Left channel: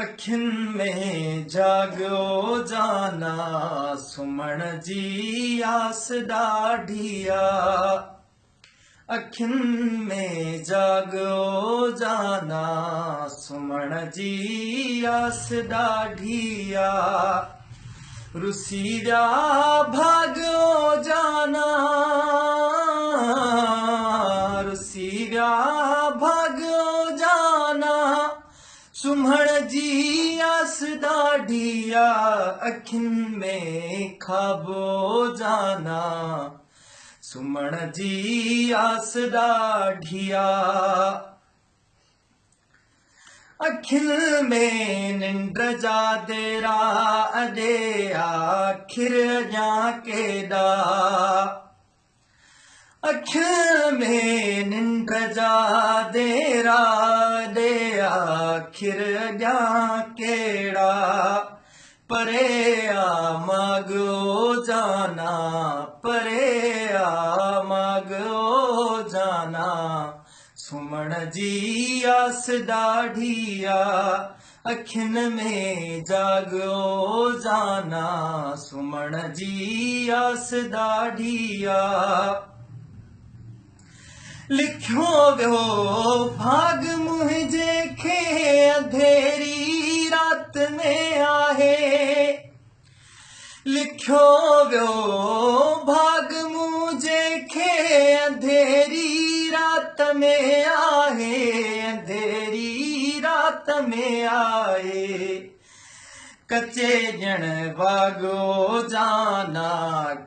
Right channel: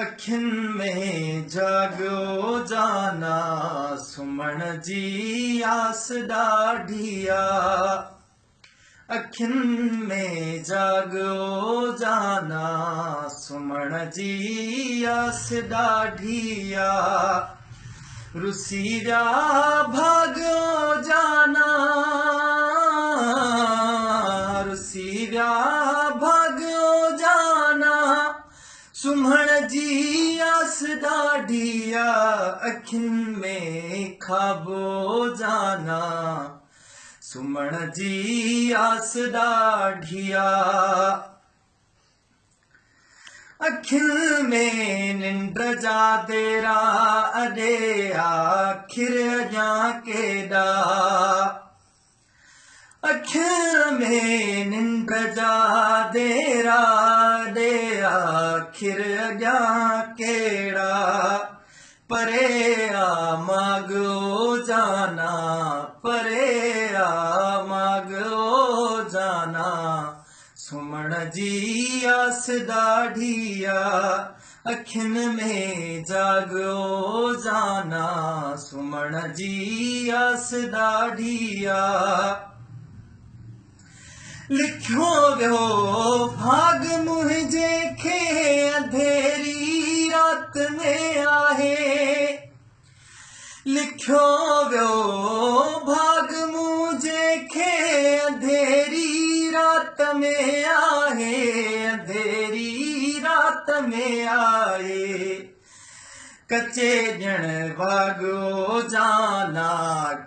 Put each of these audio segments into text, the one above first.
अखिन में जागो जाना सुमण जी आस ॾाढिया। अखिन में जागो जाना सुमण जी आस ॾाढिया। रुसीरा भागो जाना रुसीरा भागो जाना सुमण जी आस ॾाढिया। अखिन में खाबो जाना सुमण जी आस ॾाढिया। अखिन में निंड जा देरा अॼे आखिर अञा केॾा। अखिन में निंड जा देरा अॼे आखिर अञा केॾा। परे मागो जाना परे मागो जाना सुमण जी आस ॾाढिया। अखिन में जागो जाना सुमण जी आस ॾाढिया। लिखियो वियो भाग मुंहिंजे खे अंधेरी रात में आहे। लिखियो वियो भाग मुंहिंजे खे अंधेरी रात में आहे। अंधेरी रात में आहे। कचे ॼण वाॻो जाना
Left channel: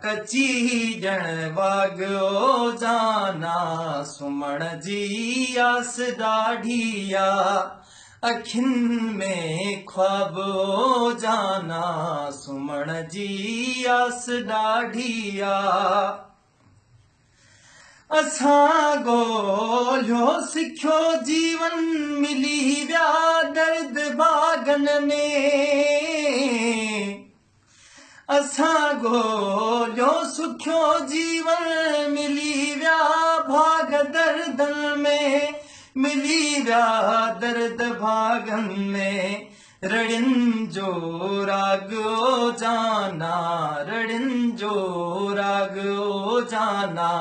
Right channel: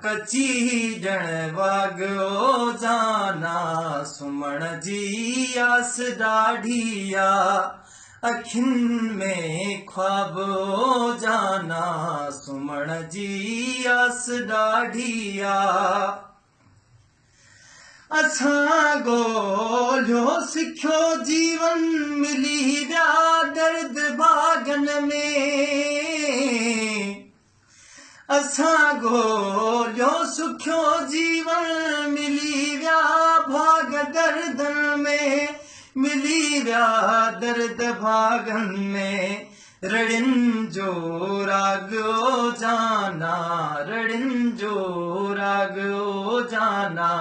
कची ॼण वाॻो जाना सुमण जी आस ॾाढिया। अखिन में ख्वाबो जाना सुमण जी आस ॾाढिया। असां ॻोल्हियो सिखियो जीवन मिली विया दर्द बागन में। असां ॻोल्हियो सिखियो जीवन मिली विया भाग दर्द में। मिली विया दर्द भागन में। रड़िन जो राॻो जाना रड़िन जो राॻो जाना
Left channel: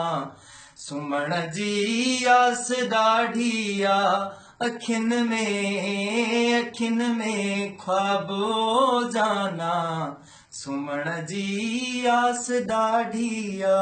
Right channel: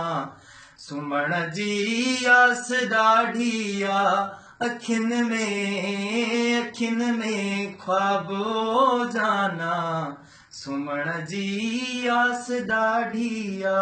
सुमण जी आस ॾाढिया। अखिन में ख्वाबो जाना सुमण जी आस ॾाढिया।